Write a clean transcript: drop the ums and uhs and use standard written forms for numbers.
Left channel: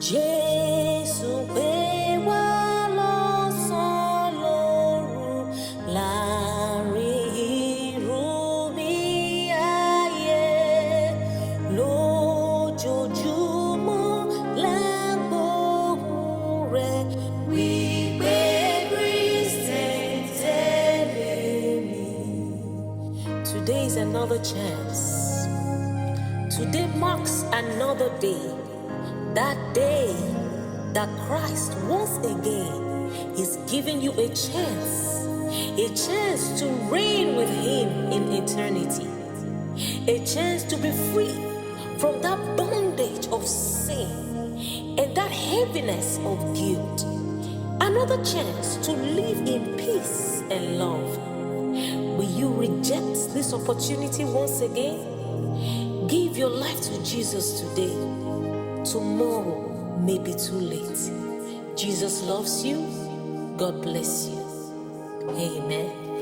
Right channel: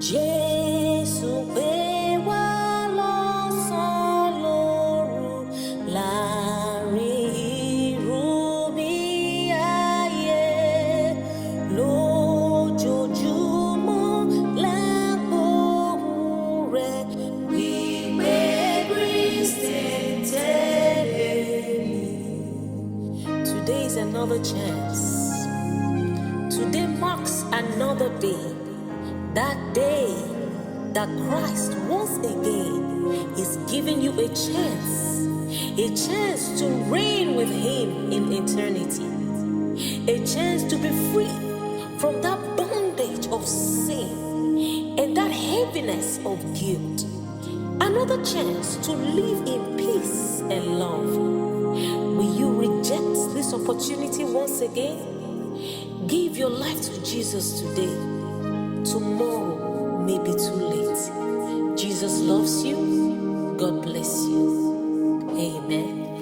Jesu pè wá lọ́sàn lóru láàrin irúmi ayé lójoojúmọ́ là ń gbóhùn rẹ̀ wípé Kristi tẹ̀lé mi. Today is another chance. Today marks another day. That day that Christ once again is giving you a chance to reign with Him in eternity, a chance to be free from that bondage of sin and that heaviness of guilt, another chance to live in peace and love. Will you reject this opportunity once again? Give your life to Jesus today. Tomorrow may be too late. Jesus loves you. God bless you. Amen.